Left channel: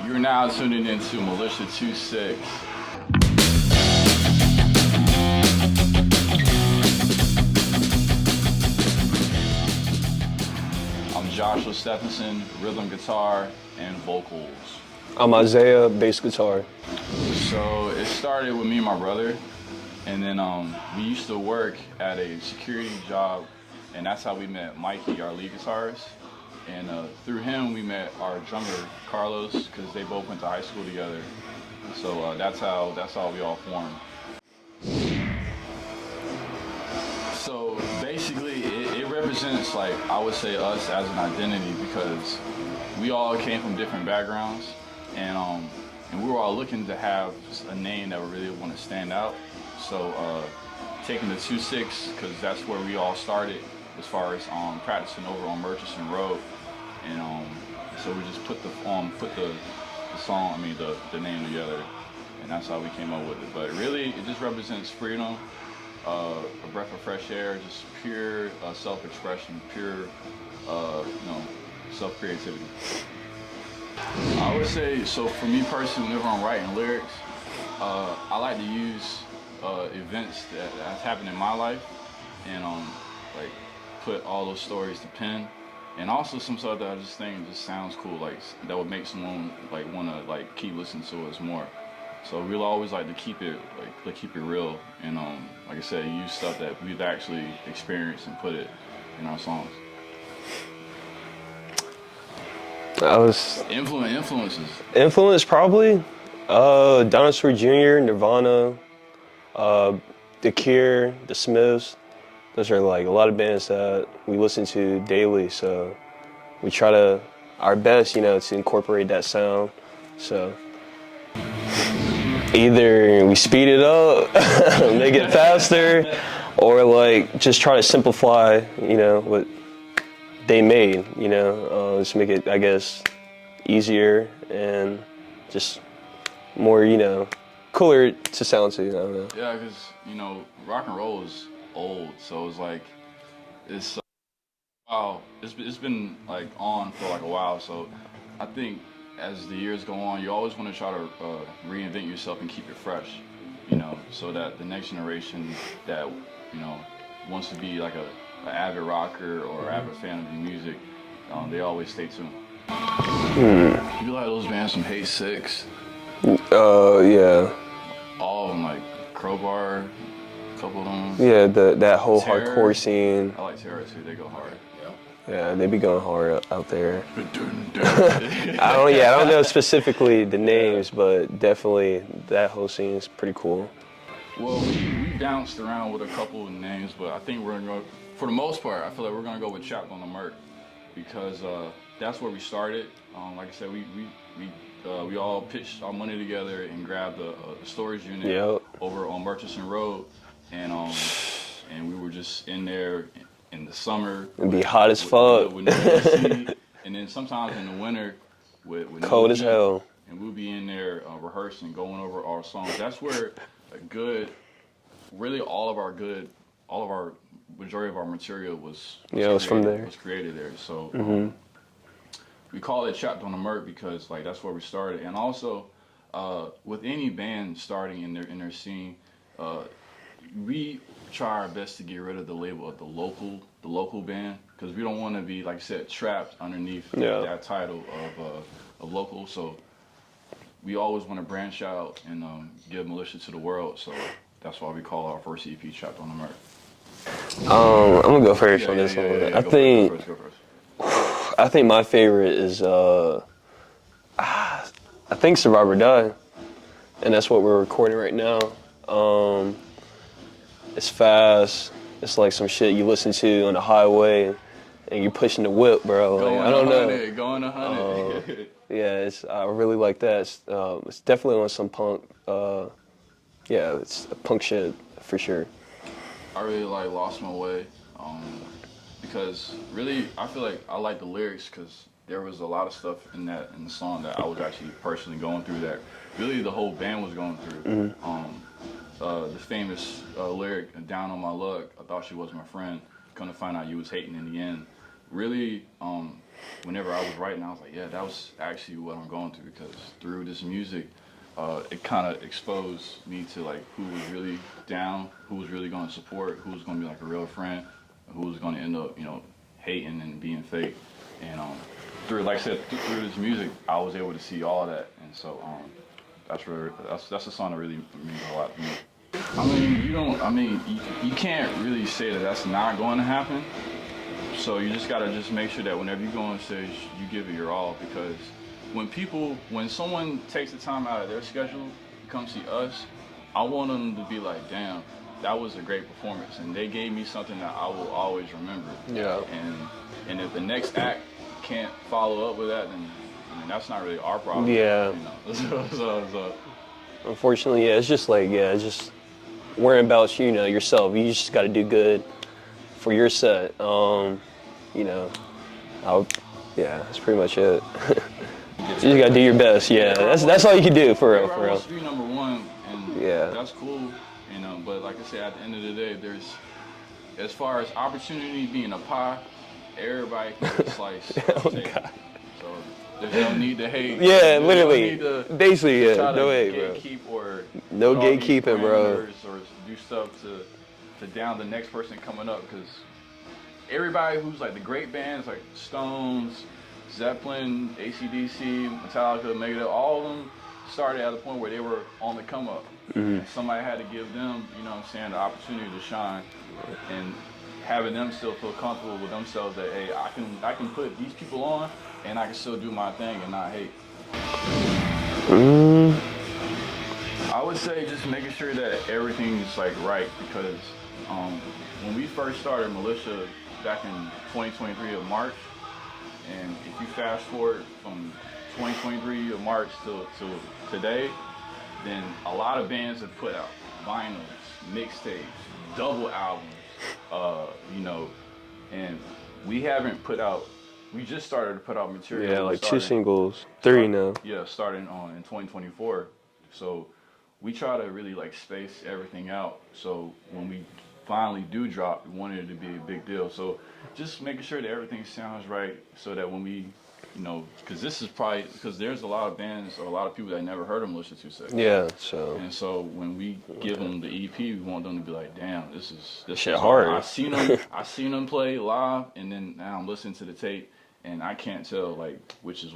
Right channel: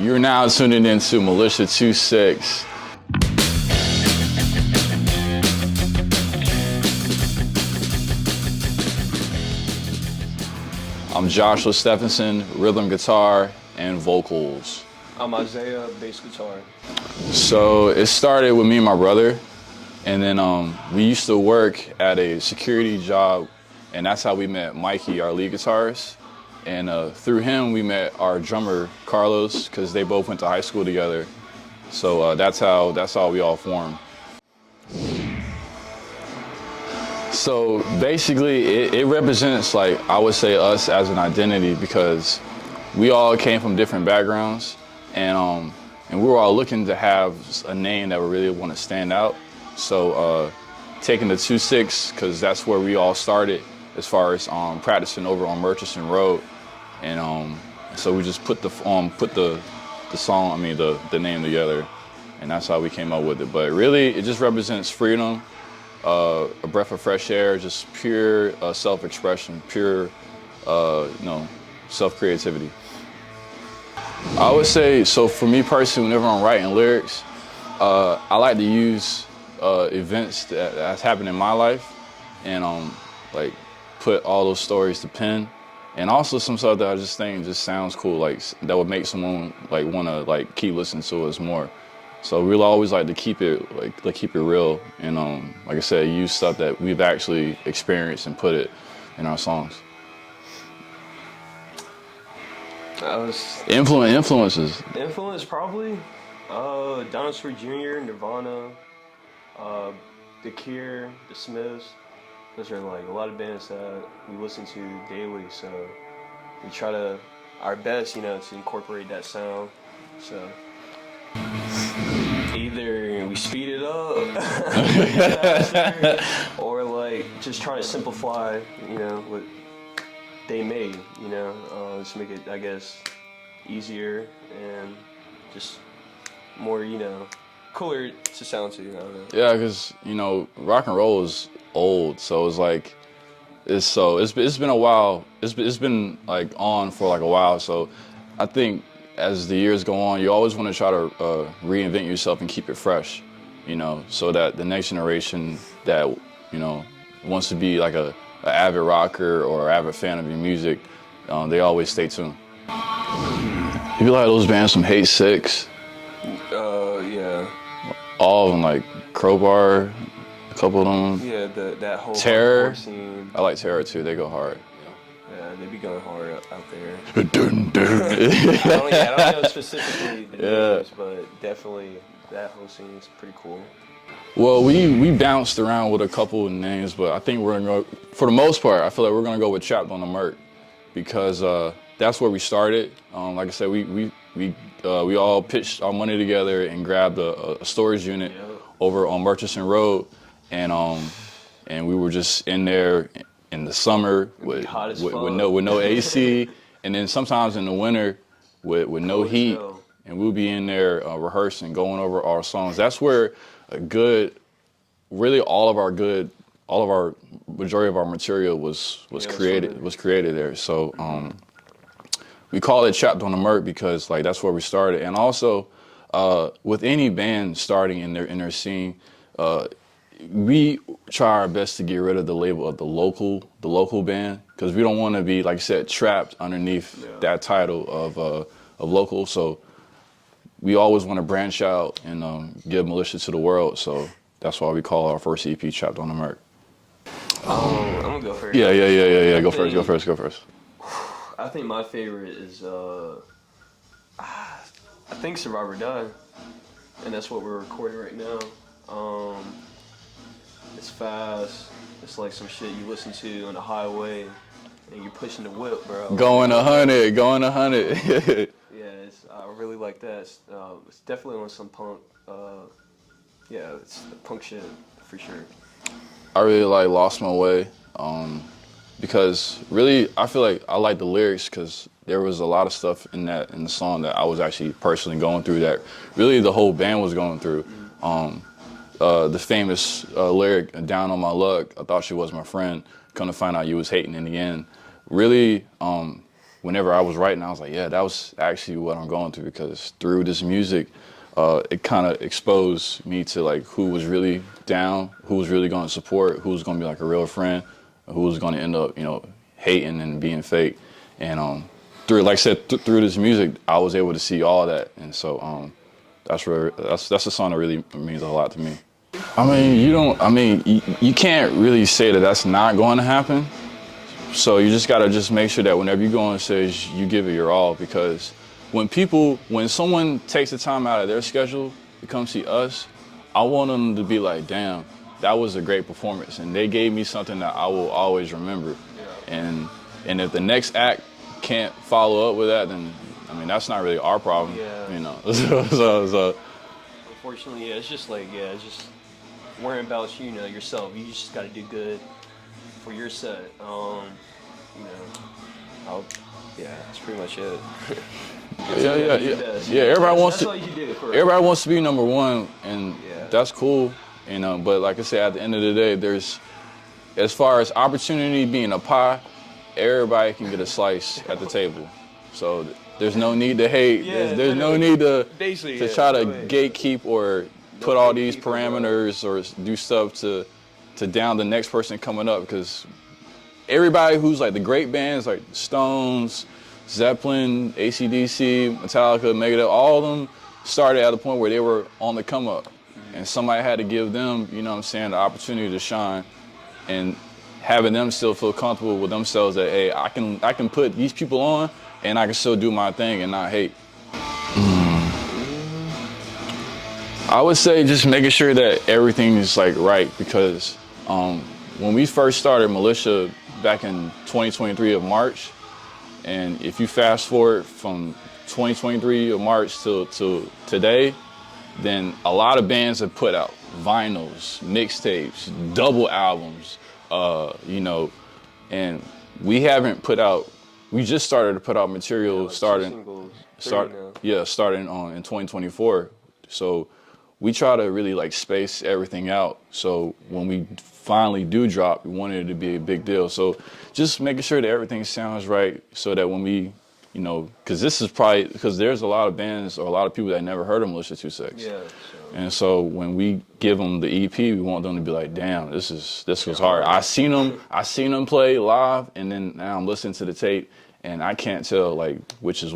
You're now tuning into MILITIA2SIX. I'm Joshua Stephenson, rhythm guitar and vocals. I'm Isaiah, bass guitar. So it started with me and my brother, and then we used to work at a security job, and that's how we met Mikey, our lead guitarist. And through him, we met our drummer, Carlos, because they both went to high school together. So that's how we all formed. So basically, it represents, like, I would say, us as an identity, because we all came from different backgrounds, and we were all looking to have a name that we really want to stand out. So taking the 2-6, because that's where we all started as far as practicing over on Murchison Road. And so we just put the song, the name together, and that's how we came up with it. But really, it just represents freedom, a breath of fresh air, just pure self-expression, pure, self-creativity. I would say, so for me personally, whenever I'm writing lyrics, I like to use events that's happened in my life, and like put all those stories to pen. And also some stuff that I just think just sounds cool, like that would make someone like want to like keep listening to us more. So we'll always like to keep it real, and like I said, use stuff that we've actually experienced and put it in our songs. Influences. Influence probably Dinosaur Jr., Nirvana, The Cure, The Smiths. Those are like a lot of bands that we listen to daily, so we try our best, to incorporate that sound. So either we speed it up, make it faster, or like just try to simplify, what they made, just make it, I guess, easier and just more, cooler to sound to. Yeah, because rock and roll is old, so it's like it's been a while. It's been like on for like a while. So I think as the years go on, you always want to try to reinvent yourself and keep it fresh, so that the next generation that wants to be like a avid rocker or avid fan of your music, they always stay tuned. You like those bands from Hate Six? Yeah. All of them, like Crowbar. A couple of them. Yeah, that whole Terror. hardcore scene. I like Terror too. They go hard. Yeah, they be going hard out there. I don't know specifically the names, but definitely that whole scene is pretty cool. Well, we bounced around with a couple of names, but I think we're gonna go, for the most part, I feel like we're gonna go with Trapped on the Merc, because that's where we started. Like I said, we all pitched our money together and grabbed a storage unit over on Murchison Road. And we were just in there in the summer. It'd be hot as fuck. With no AC. And then sometimes in the winter with no heat. Hell. And we'll be in there rehearsing, going over our songs. That's where majority of our material was created there. So we call it Trapped on the Merc because like that's where we started. And also with any band starting in their scene, we try our best to get rid of the label of the local band, because we don't want to be, like I said, trapped underneath that title of local. So we always want to branch out and give Militia to the world. So that's why we call our first EP Trapped on the Merc. I'm gonna go first. Yeah. Go first. I think my favorite is I think Survive or Die, and that's what we're recording right now. It's fast. It's like some shit you listen to on the highway, and you're pushing the whip, bro. Going 100. Yeah, I really like that. It's definitely on some punk. It's punk shit for sure. I really like Lost My Way, because really I feel like I like the lyrics because there was a lot of stuff in the song that I was actually personally going through that really the whole band was going through. The famous lyric, "Down on my luck, I thought she was my friend, come to find out you was hating in the end." Really whenever I was writing, I was like, yeah, that was actually what I'm going through, because through this music, it kind of exposed me to like who was really down, who was really going to support, who was going to be like a real friend, who was going to end up, hating and being fake. And through, like I said, through this music, I was able to see all that. And so that's a song that really means a lot to me. You can't really say that that's not going to happen. So you just gotta make sure that whenever you go on stage, you give it your all, because when someone takes the time out of their schedule to come see us, I want them to be like, damn, that was a great performance, and they gave me something that I will always remember. Yeah. And if the next act can't follow up with that, then that's not really our problem. Yeah. So unfortunately, yeah, it's just worrying about yourself. You just got to do good for your set. That's pretty much it. You got to do your best. Yeah, that's all you can do. Everybody wants to be number one, and yeah, that's cool. But like I said, at the end of the day, there's, as far as opportunity being a pie, everybody can get a slice at the table. God. So there's no need to hate. Yeah, there's no need to basically try to gatekeep or put all these parameters or do stuff to down the next person coming up, because everybody who's like the great bands like Stones, Zeppelin, AC/DC, Metallica, Megadeth, all of them started at a point where they were on the come up. Mm-hmm. And somebody had to give them, the opportunity to shine, and having them still feel comfortable with themselves that, hey, I can put these people on and I can still do my thing and not hate. I would say just making sure that everything is like right, because when we first started Militia back in 2023 of March, and if you fast forward from 2023 of March to today, then a lot of bands have put out vinyls, mixtapes, double albums, and we haven't put out. We just started to put out material. Like 2 singles, 3 now. Yeah, starting in 2024. So we try to really like space everything out. So when we finally do drop, we wanted it to be a big deal. So just making sure that everything sounds right, so that when we, because there's a lot of bands or a lot of people that never heard of MILITIA2SIX. Yeah. So when we give them the EP, we want them to be like, damn, this is hard. I seen them play live, and then now I'm listening to the tape, and I can't tell like which is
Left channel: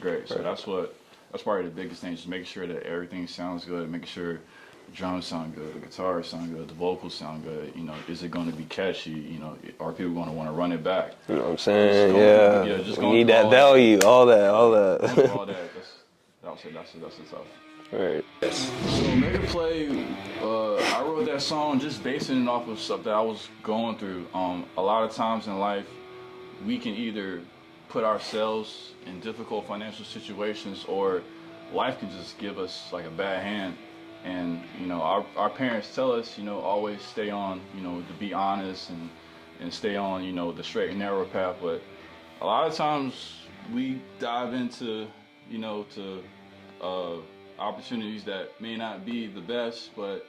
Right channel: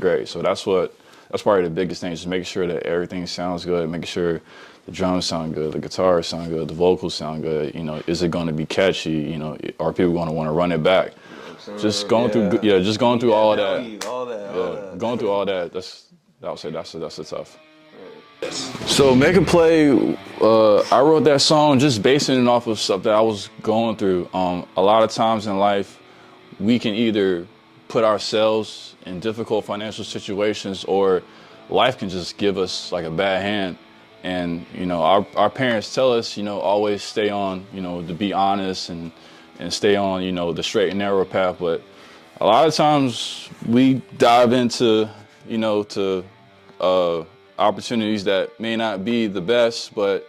great. So that's probably the biggest thing, just making sure that everything sounds good, making sure the drums sound good, the guitars sound good, the vocals sound good. Is it going to be catchy? Are people going to want to run it back? You know what I'm saying? Just going through all value, that. all that. Going through all that. I would say that's the tough. Right. Yes. So Make It Play, I wrote that song just basing it off of stuff that I was going through. A lot of times in life, we can either put ourselves in difficult financial situations, or life can just give us like a bad hand. And our parents tell us, always stay on, to be honest and stay on, the straight and narrow path. But a lot of times we dive into, opportunities that may not be the best, but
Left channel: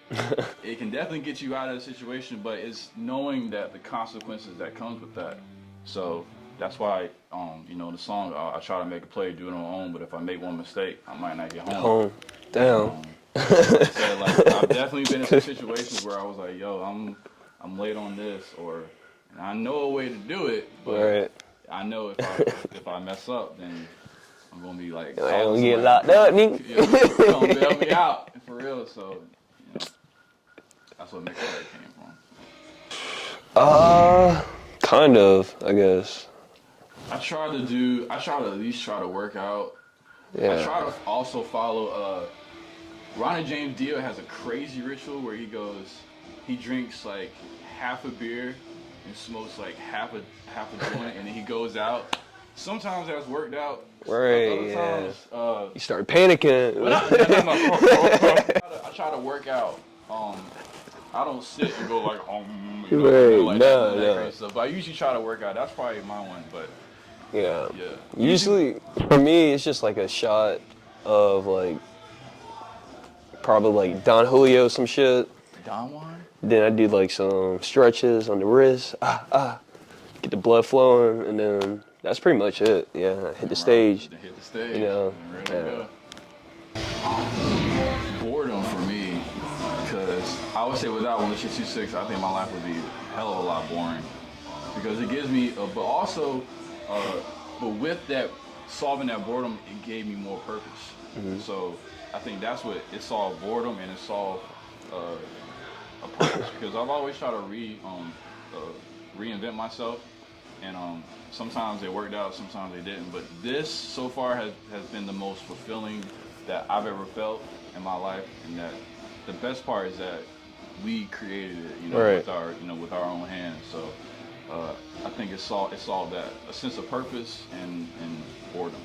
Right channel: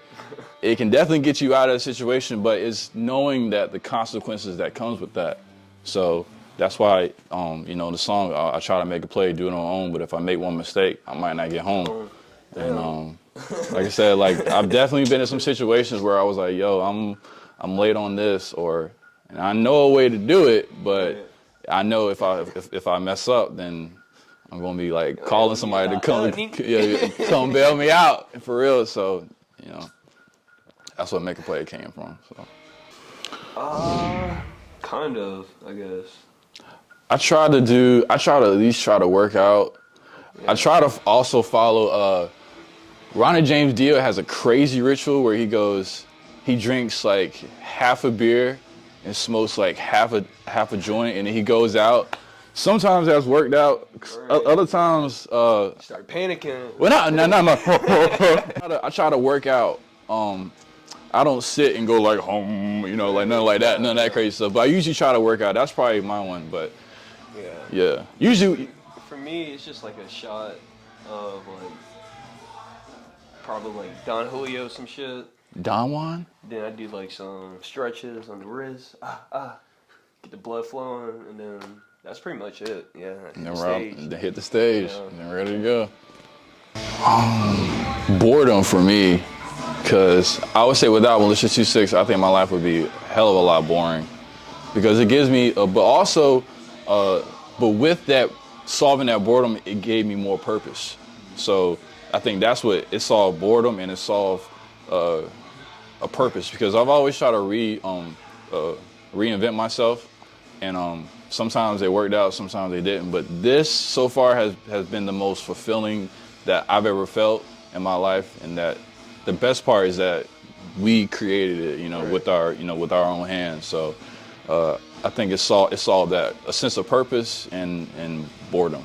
it can definitely get you out of a situation. But it's knowing that the consequences that comes with that. So that's why, the song, I try to make a play, do it on my own. But if I make one mistake, I might not get home. Damn. Like I said, I've definitely been in some situations where I was like, yo, I'm late on this, and I know a way to do it, but right. I know if I mess up, then I'm gonna be like calling somebody to come bail me out for real. So, that's what Make a Play came from. So. Kind of, I guess. I try to at least try to work out. Yeah. I try to also follow. Ronnie James Dio has a crazy ritual where he drinks like half a beer and smokes like half a joint, and then he goes out. Sometimes that's worked out. Right, other times, you start panicking. Well, no. I try to work out. I don't sit and go like home, like nothing like that, none of that crazy stuff. But I usually try to work out. That's probably my one, but yeah. Usually for me, it's just like a shot of like. Probably like Don Julio, some shit. Don Juan? Then I do like some stretches on the wrist. Get the blood flowing, and then That's pretty much it. Yeah, hit the stage. Hit the stage. You know? And ready to go. Boredom for me, because I would say without MILITIA2SIX, I think my life would be a hell of a lot boring. Because it gives me, but with that, solving that boredom, it gave me more purpose. So I think that's what it solved boredom, and it solved a purpose. Because I've always tried to reinvent myself, and sometimes they worked out, sometimes they didn't. But this so far has been the most fulfilling that I've ever felt in my life, and that the best part is that we created it, with our own hands. So I think it solved that, a sense of purpose and boredom.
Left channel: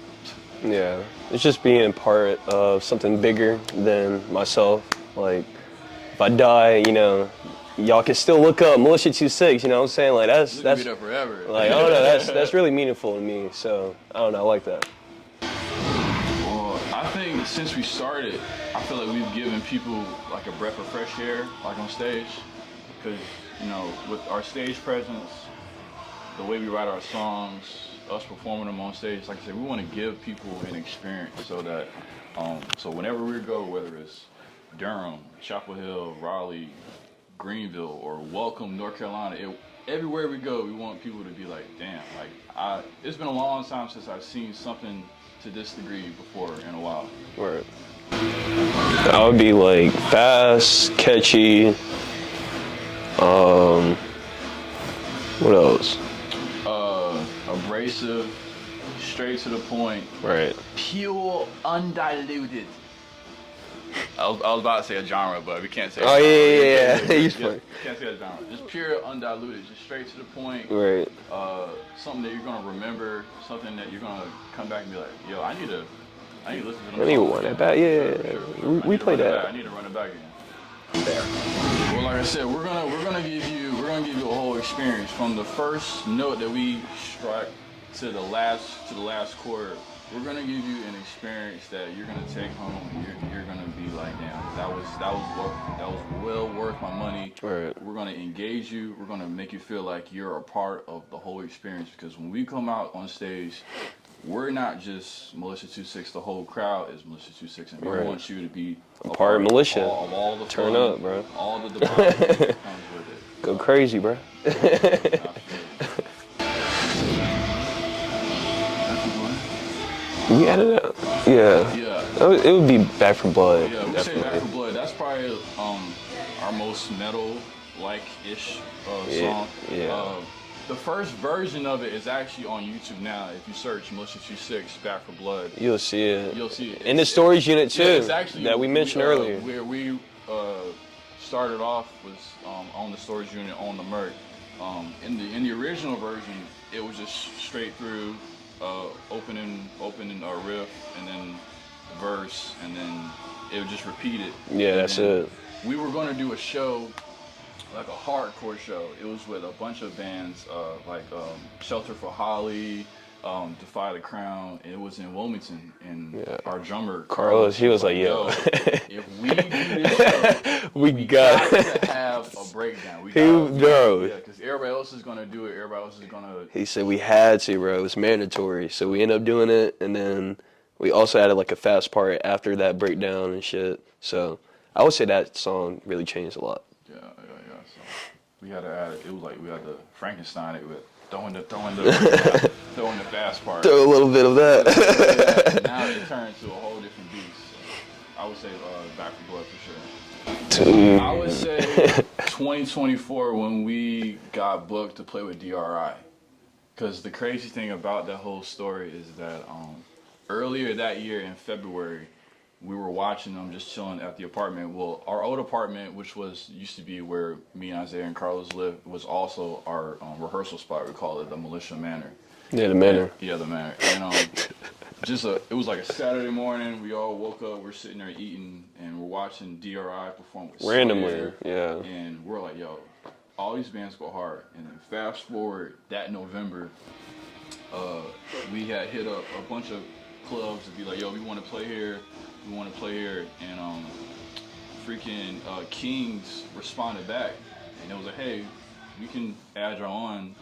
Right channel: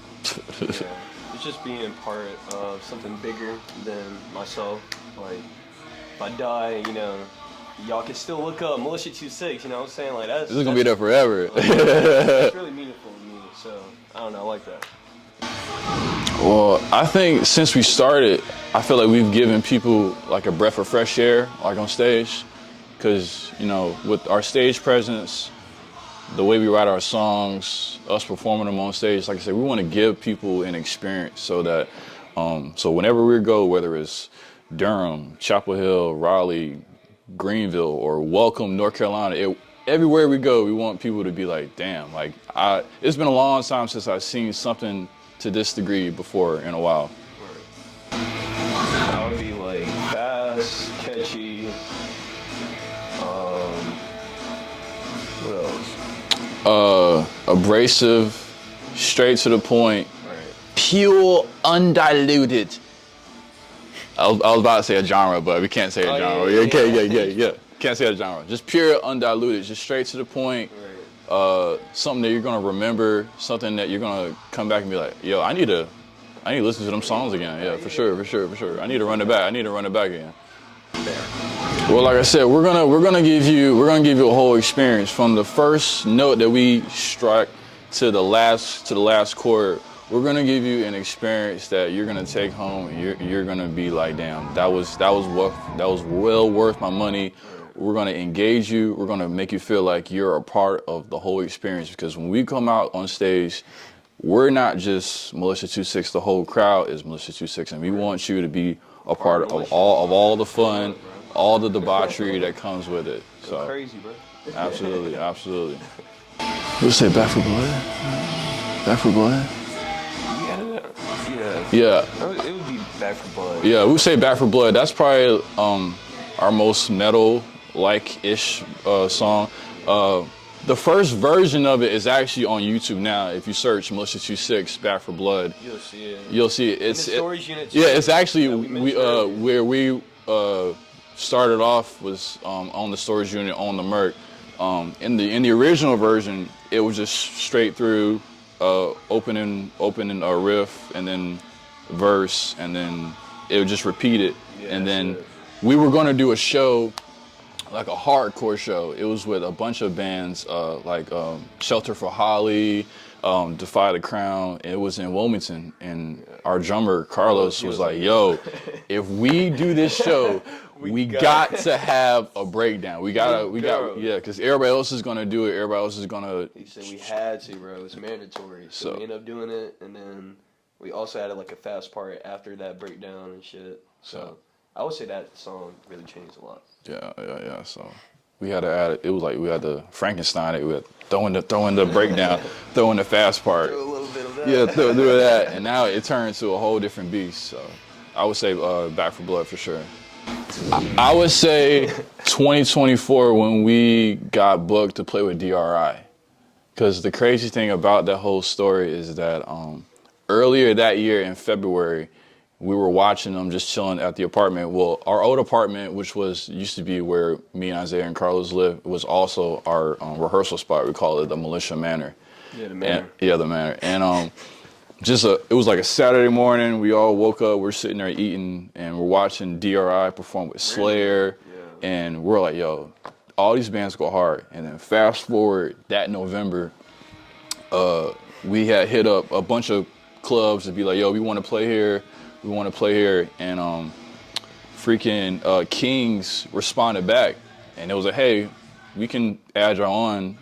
Yeah, it's just being part of something bigger than myself. Like, if I die, y'all can still look up MILITIA2SIX. You know what I'm saying? Like, that's gonna be there forever. Like, that's really meaningful to me. So I don't know, I like that. Well, I think since we started, I feel like we've given people like a breath of fresh air, like on stage, because with our stage presence, the way we write our songs, us performing them on stage, like I said, we want to give people an experience so that, so whenever we go, whether it's Durham, Chapel Hill, Raleigh, Greenville, or Welcome, North Carolina, everywhere we go, we want people to be like, damn, like it's been a long time since I've seen something to this degree before in a while. Word. I would be like fast, catchy. What else? Abrasive, straight to the point. Right. Pure, undiluted. I was about to say a genre, but we can't say a genre. Yeah. Can't say a genre. Just pure, undiluted, just straight to the point. Right. Something that you're gonna remember, something that you're gonna come back and be like, yo, I need to listen to them songs again. For sure. I need to run it back again. There. Well, like I said, we're gonna give you a whole experience from the first note that we strike to the last chord. We're gonna give you an experience that you're gonna take home. And you're gonna be like, damn, that was well worth my money. Right. We're gonna engage you. We're gonna make you feel like you're a part of the whole experience, because when we come out on stage, we're not just MILITIA2SIX. The whole crowd is MILITIA2SIX, and we want you to be a part of all the fun, all the debauchery that comes with it. Go crazy, bro. Absolutely. We say Back for Blood. Back for Blood. We added it. Yeah. It would be Back for Blood. Yeah, we say Back for Blood. That's probably our most metal-like-ish song. Yeah. The first version of it is actually on YouTube now. If you search MILITIA2SIX Back for Blood, you'll see it. In the storage unit too. Yeah, it's actually that we mentioned earlier. Where we started off was on the storage unit on the Merc. In the original version, it was just straight through opening a riff and then verse, and then it would just repeat it. Yeah, and that's then it. We were going to do a show, like a hardcore show. It was with a bunch of bands like Shelter for Holly, Defy the Crown. It was in Wilmington, and our drummer Carlos, he was like, "Yo, if we do this show, we got to have a breakdown. We got, because everybody else is gonna do it. Everybody else is gonna." He said we had to, bro. It was mandatory. So we ended up doing it, and then we also added like a fast part after that breakdown and shit. So I would say that song really changed a lot. Yeah. So we had to add it. It was like we had to Frankenstein it. We had throw in the breakdown, throw in the fast part. Throw a little bit of that. Yeah, throw a bit of that. And now it turned to a whole different beast. So I would say Back for Blood for sure. I would say 2024 when we got booked to play with DRI. Because the crazy thing about that whole story is that earlier that year in February, we were watching them just chilling at the apartment. Well, our old apartment, which used to be where me and Isaiah and Carlos lived, was also our rehearsal spot. We call it the Militia Manor. Yeah, the Manor. The Manor. And it was like a Saturday morning. We all woke up. We're sitting there eating, and we're watching DRI perform with Slayer. Yeah. And we're like, yo, all these bands go hard. And then fast forward that November, we had hit up a bunch of clubs to be like, yo, we want to play here. And freaking Kings responded back, and it was like, hey, we can add y'all on.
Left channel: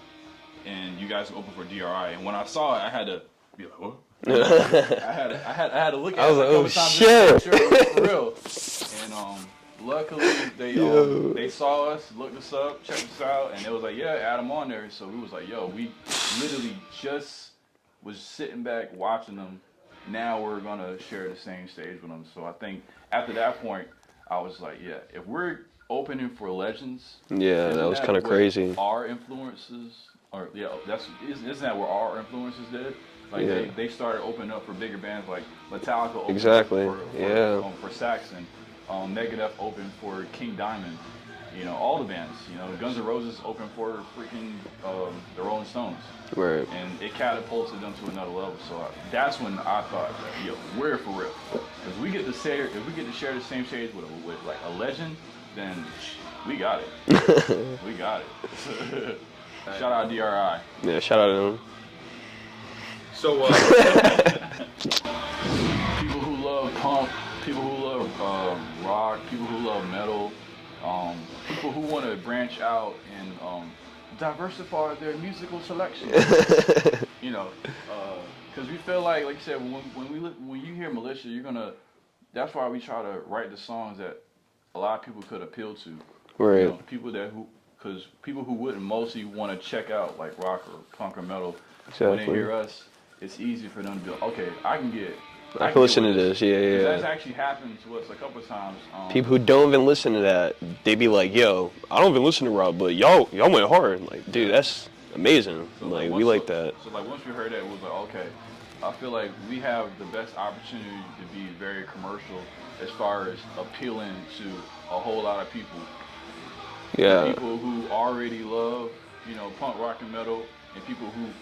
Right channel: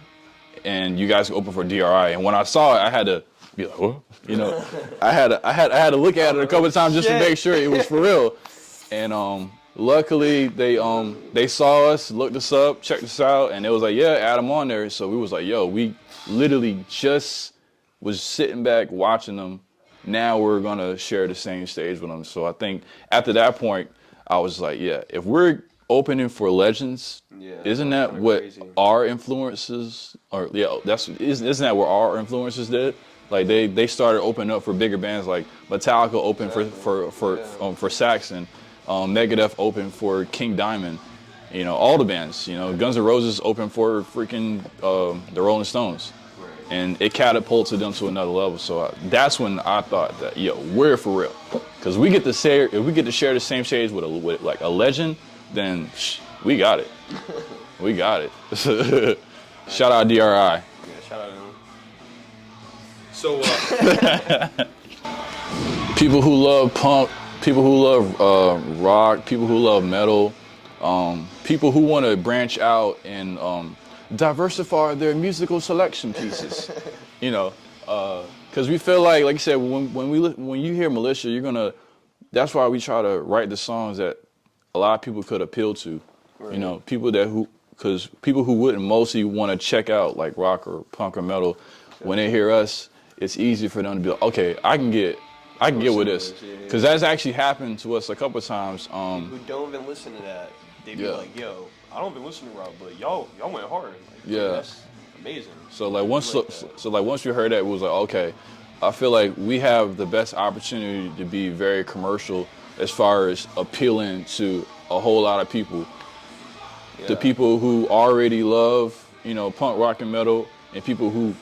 and you guys open for DRI. And when I saw it, I had to be like, what? You know, I had to look at it a couple times just to make sure it was for real. And luckily they saw us, looked us up, checked us out, and it was like, yeah, add them on there. So we was like, yo, we literally just was sitting back watching them. Now we're gonna share the same stage with them. So I think after that point, I was like, yeah, if we're opening for legends, isn't that what crazy. Our influences are? Yeah, isn't that what our influences did? Like they started opening up for bigger bands, like Metallica opened for Saxon, Megadeth opened for King Diamond, you know, all the bands, you know, Guns N' Roses opened for freaking the Rolling Stones, right. And it catapulted them to another level. So that's when I thought that, yo, we're for real, because we get to share, if we get to share the same stage with like a legend, then we got it. We got it. Shout out DRI. Yeah, shout out to them. So, people who love punk, people who love rock, people who love metal, people who want to branch out and diversify their musical selection pieces. You know, because we feel like you said, when you hear Militia, you're gonna. That's why we try to write the songs that a lot of people could appeal to. Right. You know, because people who wouldn't mostly want to check out like rock or punk or metal, when they hear us, it's easy for them to be like, okay, I can get with this. Because that's actually happened to us a couple of times. People who don't even listen to that, they be like, yo, I don't even listen to rock, but y'all went hard. Like, dude, that's amazing. So once we heard that, it was like, okay, I feel like we have the best opportunity to be very commercial as far as appealing to a whole lot of people. Yeah. The people who already love, you know, punk, rock, and metal, and people who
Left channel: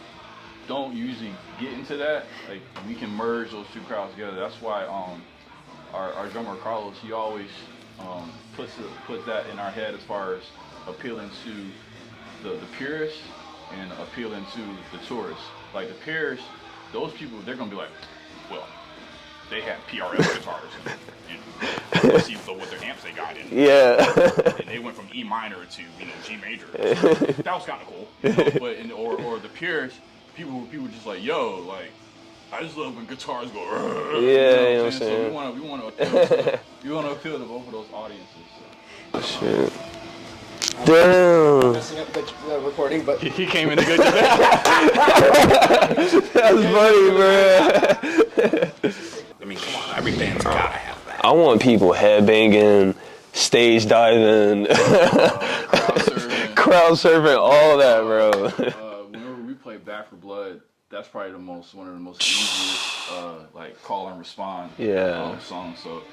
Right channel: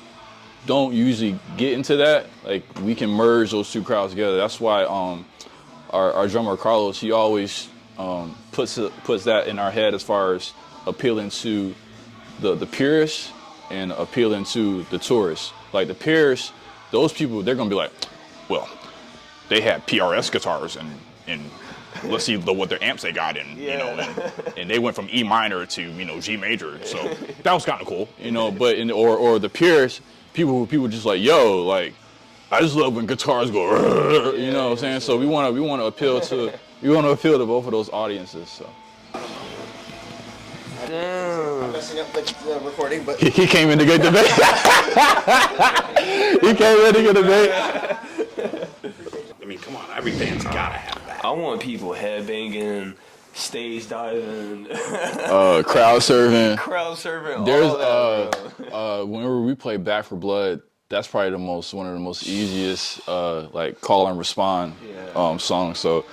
don't usually get into that, like we can merge those two crowds together. That's why our drummer Carlos, he always puts that in our head as far as appealing to the purists and appealing to the tourists. Like the purists, those people, they're gonna be like, well, they had PRS guitars and let's see what their amps they got in. Yeah. And they went from E minor to, you know, G major. So that was kind of cool, you know. But or the purists, people just like, yo, like, I just love when guitars go. You know what I'm saying? So we want to appeal to both of those audiences. So. Shit. Damn. Messing up the recording, but he came in to get to that. I mean, come on, every band's gotta have that. I want people headbanging, stage diving, crowd surfing, all that, bro. Whenever we play Back for Blood, that's probably one of the most easiest like call and respond songs. So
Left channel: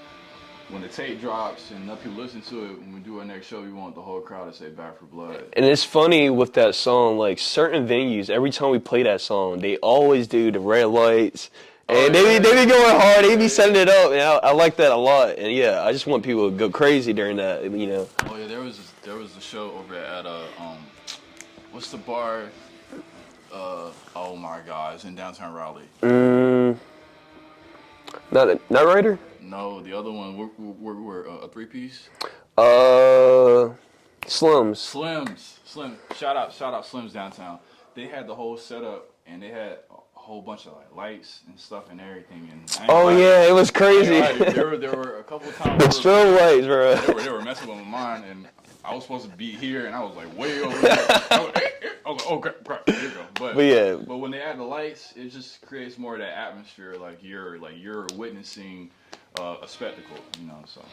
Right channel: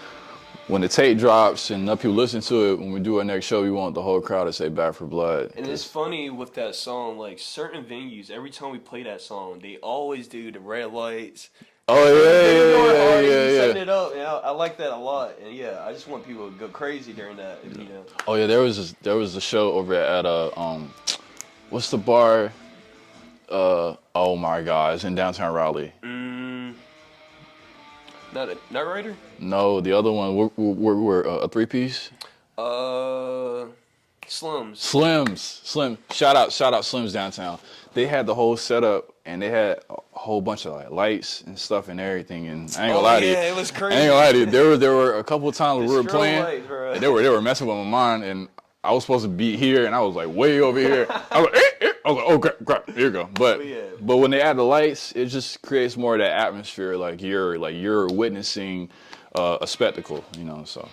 when the tape drops and enough people listen to it, when we do our next show, we want the whole crowd to say Back for Blood. And it's funny with that song, like certain venues, every time we play that song, they always do the red lights. They be going hard. They be setting it up. And I like that a lot. And yeah, I just want people to go crazy during that. You know. Oh yeah, there was a show over at what's the bar? Oh my God, it's in downtown Raleigh. Not Rider? No, the other one. We're a 3-piece. Slims. Shout out Slims downtown. They had the whole setup and they had a whole bunch of like lights and stuff and everything. And I ain't gonna lie to you. It was crazy. There were a couple of times we were playing. Lights, bro. They were messing with my mind, and I was supposed to be here, and I was like way over here. I was like, oh crap, here you go. But when they add the lights, it just creates more of that atmosphere, like you're witnessing a spectacle, you know. So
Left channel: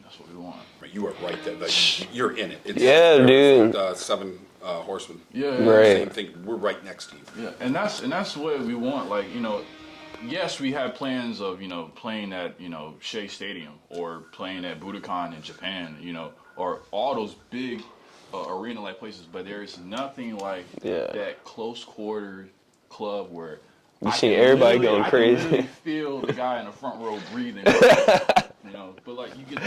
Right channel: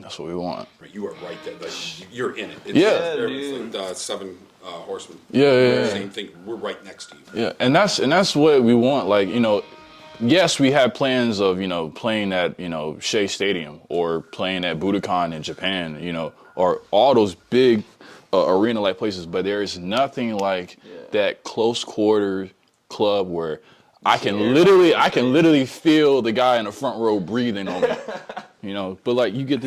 that's what we want. You are right there. Like, you're in it. It's dude. 7 Horsemen. Yeah. Same thing. We're right next to you. Yeah, and that's what we want. Like, you know, yes, we have plans of, you know, playing at, you know, Shea Stadium or playing at Budokan in Japan, you know, or all those big arena-like places. But there is nothing like that close quarter club where I can literally feel the guy in the front row breathing. You know, but like you get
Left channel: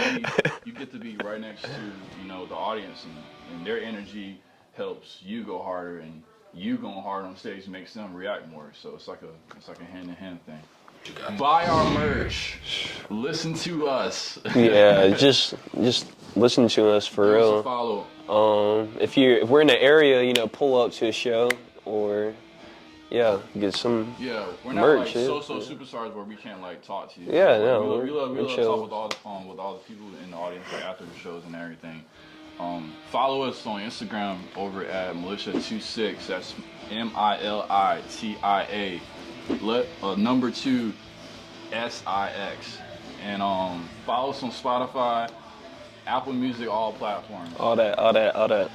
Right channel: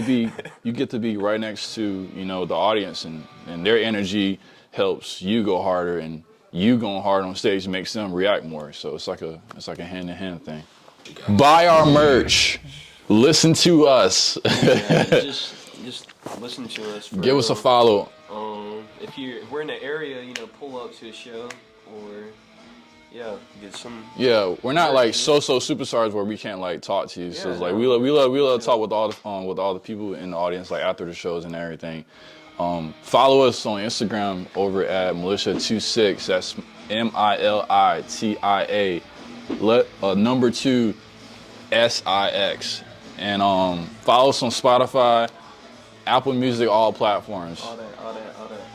to be right next to, you know, the audience, and their energy helps you go harder, and you going hard on stage makes them react more. So it's like a hand-in-hand thing. Buy our merch. Listen to us. Yeah, just listen to us for real. Give us a follow If we're in the area, you know, pull up to a show or get some. Yeah, we're not merch, like yeah. so superstars where we can't like talk to you. Yeah, so, like no, we love to chill. talk with all the people in the audience like after the shows and everything. Follow us on Instagram over at MILITIA2SIX. That's MILITIA number 2 SIX. And follow us on Spotify, Apple Music, all platforms. All that.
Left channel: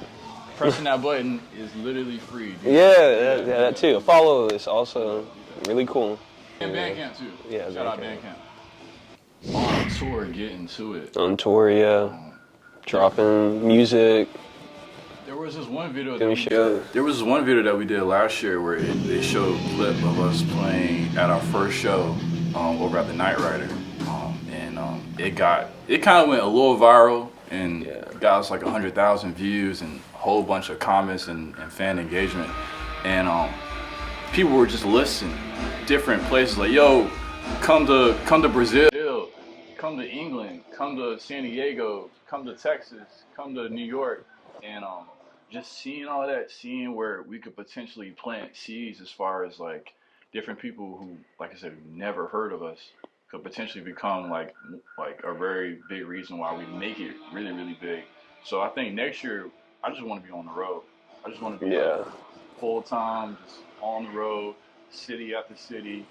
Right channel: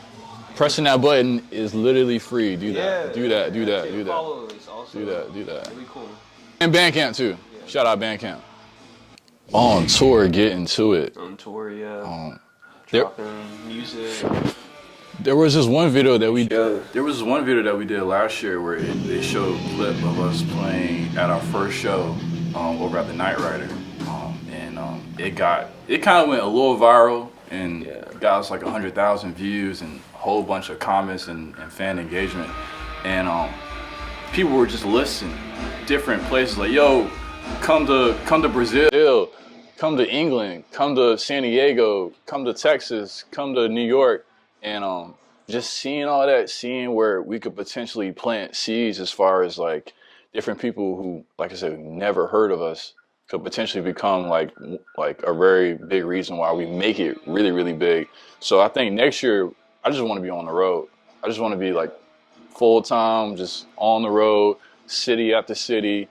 Pressing that button is literally free. Do Yeah, that too. do that. Follow us also. Do that. Really cool. And Bandcamp too. Yeah, Shout out Bandcamp. On tour, get into it. On tour, yeah. Dropping music. There was this one video that we did. There was this one video that we did last year where they showed a clip of us playing at our first show over at the Night Rider, and it kind of went a little viral and got us like 100,000 views and a whole bunch of comments and fan engagement, and people were just listening different places like, yo, come to Brazil, come to England, come to San Diego, come to Texas, come to New York, and just seeing all that, seeing where we could potentially plant seeds as far as like different people who, like I said, never heard of us could potentially become like a very big reason why we make it really, really big. So I think next year, I just want to be on the road. I just want to be like full time, just on the road, city after city,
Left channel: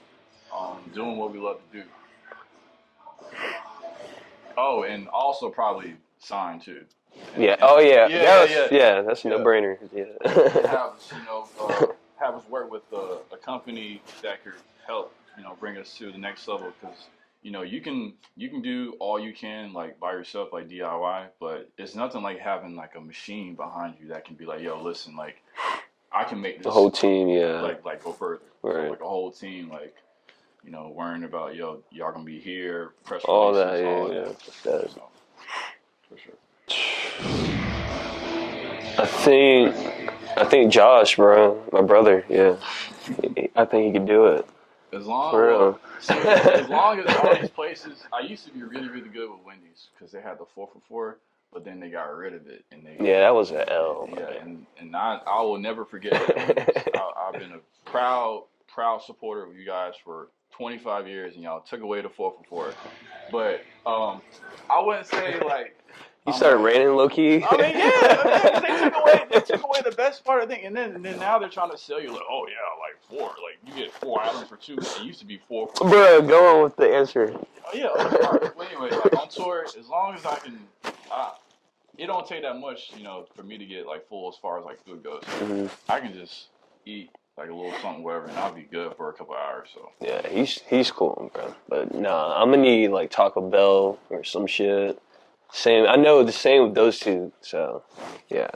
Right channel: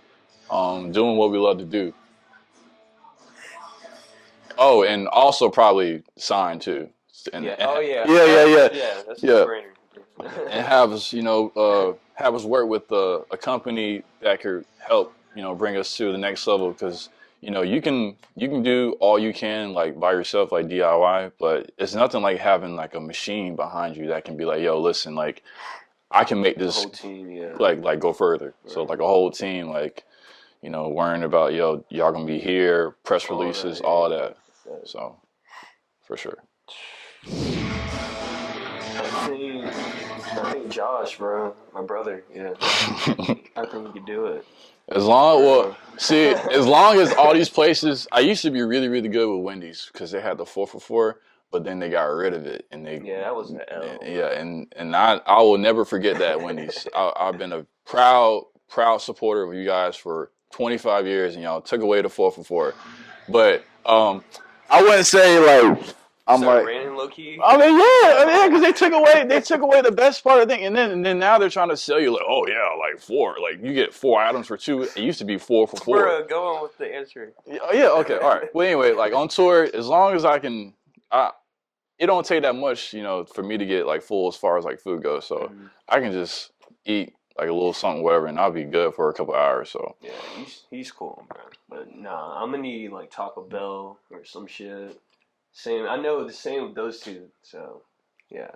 doing what we love to do. Oh, and also probably sign too. Yeah. That's a no-brainer. Yeah. Have us, have us work with a company that could help, bring us to the next level. Because you can do all you can like by yourself, like DIY, but it's nothing like having like a machine behind you that can be like, yo, listen, like I can make this whole team, like go further. Right. So like a whole team, like worrying about y'all gonna be here, press releases, all that. So for sure. I think Josh, bro, my brother, I think he could do it. As long as all these places, I used to be really, really good with Wendy's because they had the 4 for $4, but then they got rid of it and that was an L. Yeah, and I will never forget that Wendy's. I've been a proud supporter of you guys for 25 years, and y'all took away the 4 for $4. But I wouldn't say like. You started raining low key. I mean, because they took away the best part of the thing, and then now they're trying to sell you like, oh yeah, like 4, like you get 4 items for 2. It used to be 4 for 4. Bro, go on with the answer. Yeah, okay, all right. Well, anyway, like on tour, as long as I can, it don't take that much, for me to get like full as far as like food goes. So I can just eat like a little something, whatever, and I'll be good for a couple of hours. So yeah, he's cool, bro. But nah, I'm gonna need like Taco Bell or some shit. I know the same with those two, so yeah.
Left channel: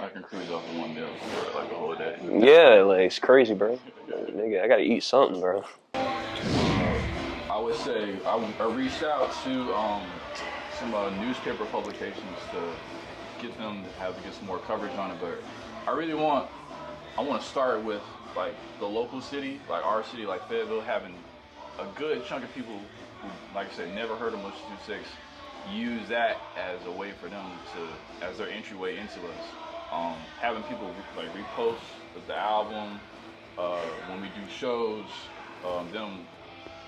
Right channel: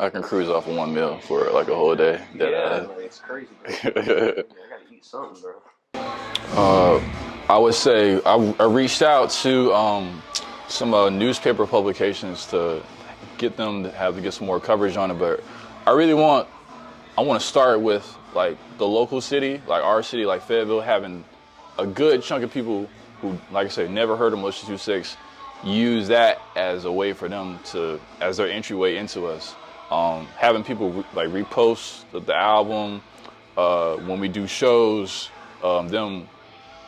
I can cruise off of 1 meal for like a whole day. Yeah, like it's crazy, bro. I gotta eat something, bro. I would say I reached out to some newspaper publications to get them to get some more coverage on it, but I want to start with like the local city, like our city, like Fayetteville, having a good chunk of people who, like I said, never heard of MILITIA2SIX, use that as a way for them as their entryway into us. Having people like repost the album when we do shows, them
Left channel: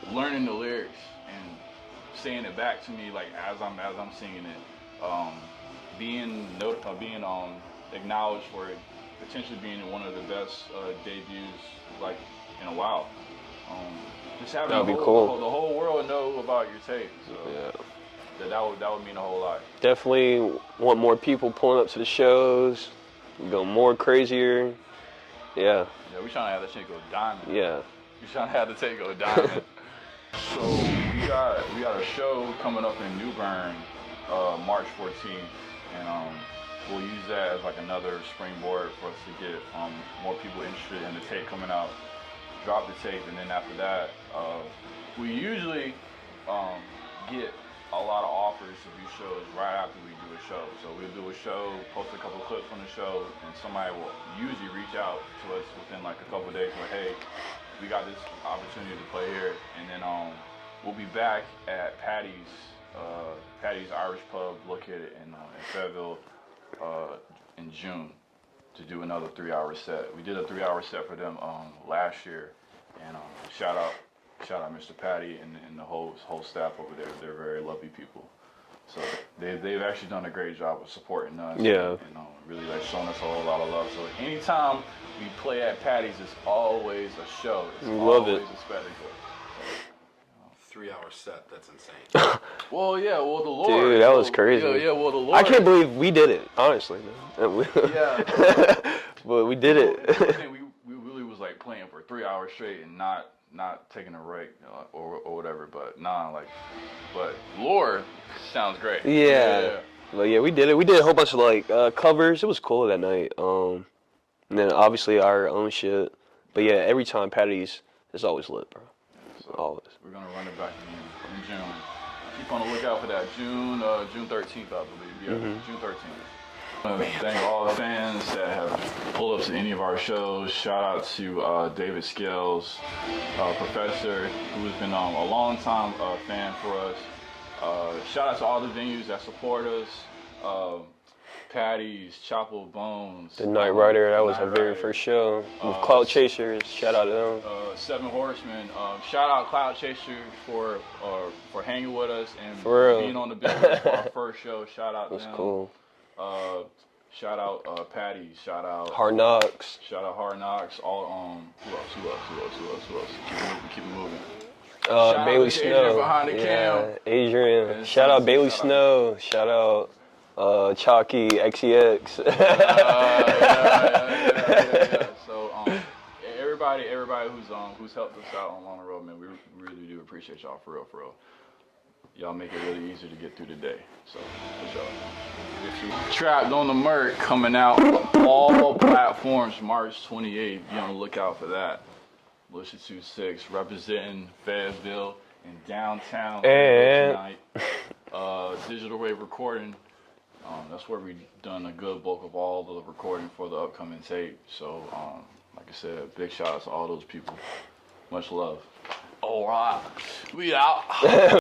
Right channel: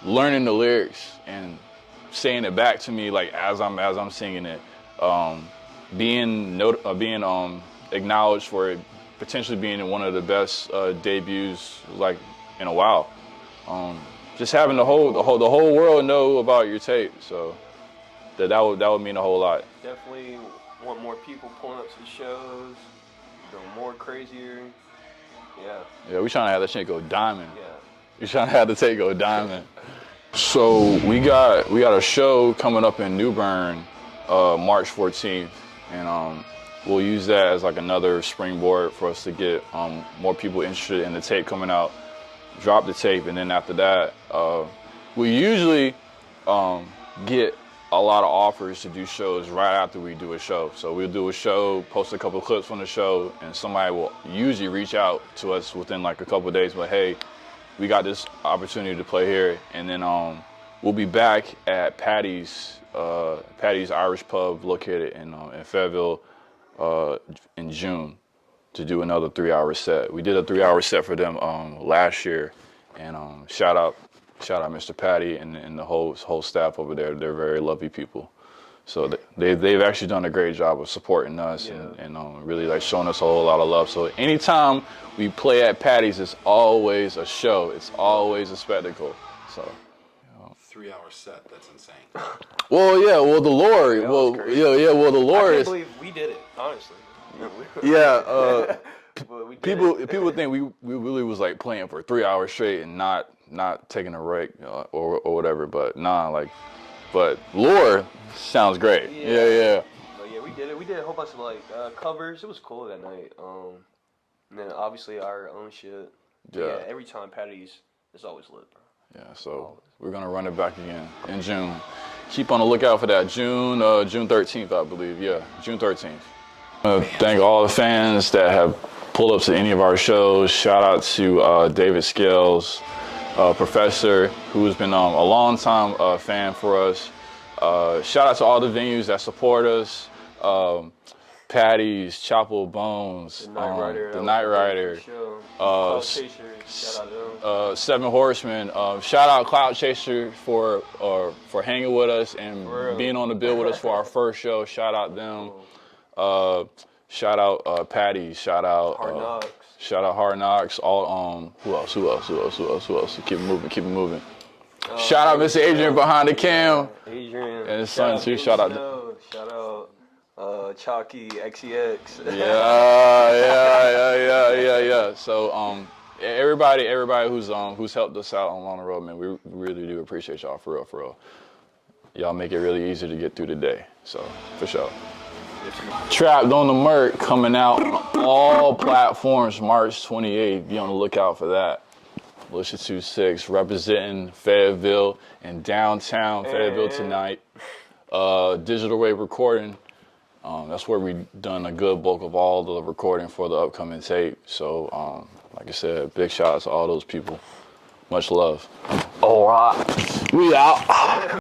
learning the lyrics and saying it back to me like as I'm singing it, being acknowledged for it potentially being one of the best debuts like in a while. Just having the whole world know about your tape. So. Yeah. That would mean a whole lot. Definitely want more people pulling up to the shows, go more crazier. Yeah. Yeah, we trying to have that shit go diamond. Yeah. We trying to have the tape go diamond. So we got a show coming up in New Bern, March 14th, and we'll use that as like another springboard for us to get more people interested in the tape coming out. Drop the tape, and then after that, we usually get a lot of offers to do shows right after we do a show. So we'll do a show, post a couple of clips from the show, and somebody will usually reach out to us within like a couple of days, but hey, we got this opportunity to play here. And then we'll be back at Patty's Irish Pub located in Fayetteville in June to do another 3-hour set. We did a 3-hour set for them last year, and shout out Mr. Patty and the whole staff over there. They're very lovely people. So they've actually done a great job of supporting us and really like showing us a whole lot of love. So anytime we play at Patty's, it's always a show. It's always a spectacle. So 3-hour set. That's insane. well, the Lord. Dude, that was crazy. Yeah, well, the Lord. I can't believe we did it, honestly. Yeah, but we did it. People think we really was like playing for 3 hours straight and not taking a break or whatever. But but Lore sounds great. Yeah. But yeah, we did it. We did a whole bunch of like covers. It was cool that night. And then obviously our own shit. But yeah, every time Patty's, it's always lit, bro. Yeah, so we're gonna run it back again in June. Keep on the lookout for that. June 13th, I believe. Yeah, June 13th. Thank all the fans that have pulled up to any of our shows. Shout out to David Scales, Professor, who's been a long time fan for us. Shout out to all the venues that support us. Patty's, Chapel Bones, The Night Rider, that was our very first show. Cloud Chasers, shout out to them. 7 Horsemen, shout out Cloud Chaser for hanging with us and being on the bill with us for our first show. Shout out them. Cool. Shout out Patty. Shout out Hard Knocks. Shout out Hard Knocks. All who else? Keep it moving. Shout out Mr. Adrian behind the cam. Adrian. And shout out Bailey Snow. Shout out Chalky XEX. Yeah. So everybody who's helped us out along the road, man, we really do appreciate y'all for real. Y'all make it really easy to get through the day. So for sure. Trapped on the Merc coming out all platforms March 28th. Be on the lookout for that. MILITIA2SIX representing Fayetteville and downtown Fayetteville tonight. Digital Wave Recording. That's where we done a good bulk of all the recording for the upcoming tape. So, like I said, big shout out to all those people. Much love. All right. We out.